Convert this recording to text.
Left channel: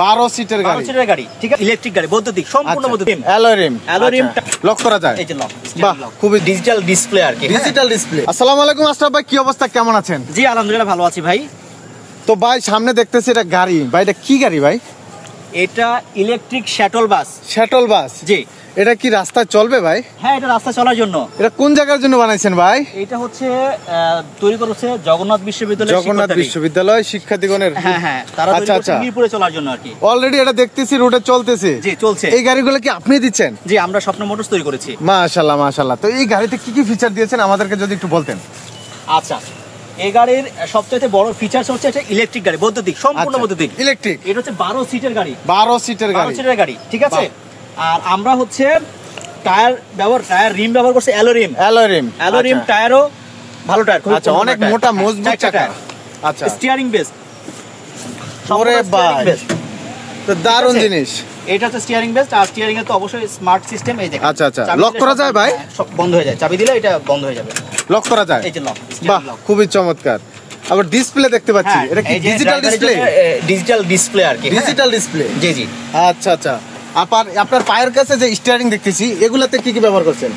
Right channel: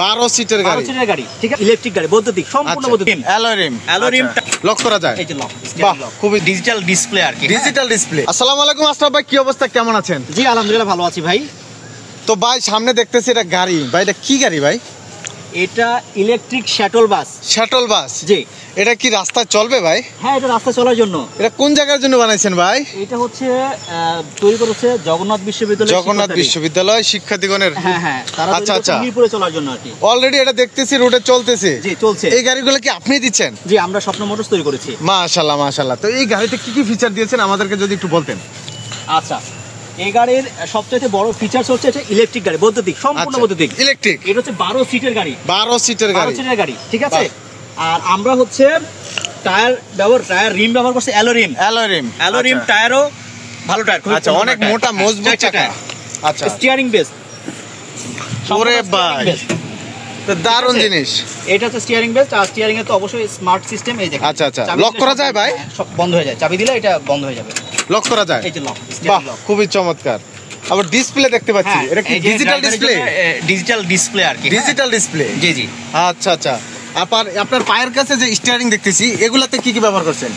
12 সিটের গাড়ি, 12 সিটের গাড়ি, ঠিক আছে, ইলেকট্রিক গাড়ি, বৈদ্যুতিক, সম্পূর্ণ বৈদ্যুতিক, অ্যালোরিম লক করা যায়, এই যে লক, বাহ, খুবই ডিজিটাল ডিসপ্লে আর কি, ডিজিটাল ডিসপ্লে। আসসালামু আলাইকুম আশরাফ ভাই, কি অবস্থা, কেমন আছেন? জি আলহামদুলিল্লাহ ভালো আছি ভাই। তো ভাই সামনে দেখতেছি এটা গাড়ি, ভাই এটা কি গাড়ি ভাই? এটা electric shuttle bus. Shuttle bus? জি। এটা কি রাস্তায় চলবে ভাই? হ্যাঁ, এটা রাস্তা চলার জন্য। এটা কোন জায়গার জন্য বানাইছেন ভাই? এটা হচ্ছে তৈরি করেছে জগন্নাথ বিশ্ববিদ্যালয়, জগন্নাথ বিশ্ববিদ্যালয় শিক্ষার্থীগণের। হ্যাঁ, তারা মিরপুরে চলার জন্য আর কি। অলরেডি এটা দেখতেছি রোডে চলতেছে। জি চলছে। এই গাড়িগুলো কি আপনি দিচ্ছেন? জি, আমরা স্বপ্ন মোটরস তৈরি করেছি। মাশাআল্লাহ মাশাআল্লাহ। তো এই গাড়িতে কি কি ফিচার দিয়েছেন আমাদেরকে যদি একটু বলতেন। আচ্ছা, এই গাড়ির সবচেয়ে বড় ফিচারস হচ্ছে এটা ইলেকট্রিক গাড়ি, বৈদ্যুতিক, সম্পূর্ণ বৈদ্যুতিক, ইলেকট্রিক। এটা হচ্ছে 12 সিটের গাড়ি, 12 সিটের গাড়ি, 12 সিটের গাড়ি, ঠিক আছে। আর আমরা হচ্ছে টায়ার রিম ব্যবহার করছি অ্যালোরিম টায়ারও ভালো টায়ার, আচ্ছা, অনেক মোটা মজবুত চাকা। আচ্ছা, স্টিয়ারিং বেস, ওরে ভাই তো দারুণ জিনিস। এটা হচ্ছে স্টিয়ারিং বেস, আর স্টিয়ারিং এ তো অবশ্যই স্মার্ট সিস্টেম। এই দেখেন, আচ্ছা, লক করা যায় ভাই? সব বন্ধ হয়ে যায়, চাবি দিলে এটা বন্ধ হয়ে যাবে, লক করা যায়। এই যে লক, বাহ, খুবই চমৎকার। আবার ডিসপ্লে দেখতে পাচ্ছি, এটা কি ডিজিটাল ডিসপ্লে? ডিজিটাল ডিসপ্লে আর কি, ডিজিটাল ডিসপ্লে। জি। আচ্ছা, আপনার পায়ের কাছে যে স্টিয়ারিং দেখতেছি, এগুলাতে কি কি ব্যবহার করছেন?